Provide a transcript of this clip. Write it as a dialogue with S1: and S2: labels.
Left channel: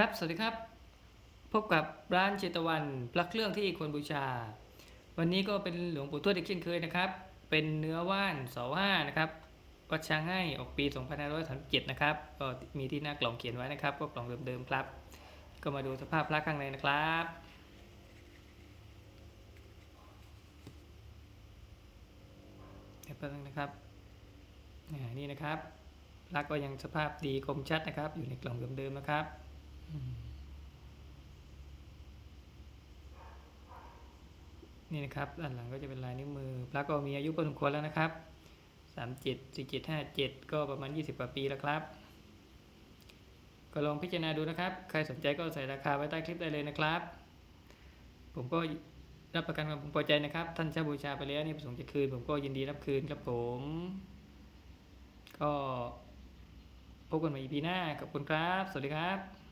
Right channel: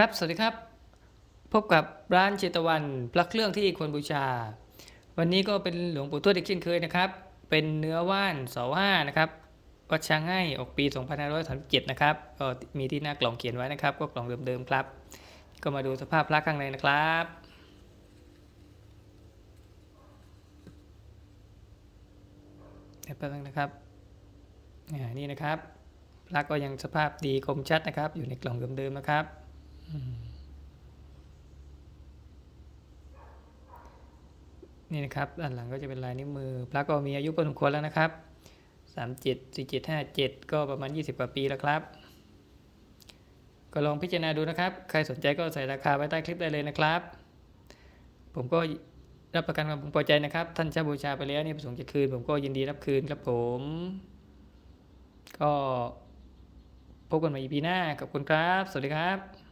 S1: ครับ สวัสดีครับ พบกับร้านเชตวันพระเครื่องที่ควรบูชา วันนี้ก็เป็นหลวงปู่ทวดอีกเช่นเคยนะครับ เป็นเนื้อว่านเสาห้านะครับวัดช้างให้ออกปี2537นะครับ ก็มีที่หน้ากล่องเขียนไว้นะครับ ก็กล่องเดิมๆครับ ก็มาดูสภาพพระข้างในนะครับ เดี๋ยวแป๊บนึงนะครับนี่นะครับพระก็ยังสภาพดีคมชัดนะครับ อยู่ในกล่องเดิมๆนะครับ นี่นะครับด้านหลังก็จะเป็นลายนิ้วมือพระก็มีอายุพอสมควรแล้วนะครับสามเจ็ดสี่เจ็ดห้าเจ็ดก็ประมาณยี่สิบกว่าปีแล้วครับ ก็ลองพิจารณาดูนะครับ ใครสนใจก็ใส่ราคาไว้ใต้คลิปได้เลยนะครับ ผมก็รับประกันความพอใจนะครับ ท่านเช่าบูชาไปแล้วนี่ประสงค์จะคืน ผมก็ยินดีรับคืนครับผม ก็พบกันใหม่ EP หน้าขอบคุณครับ สวัสดีครับ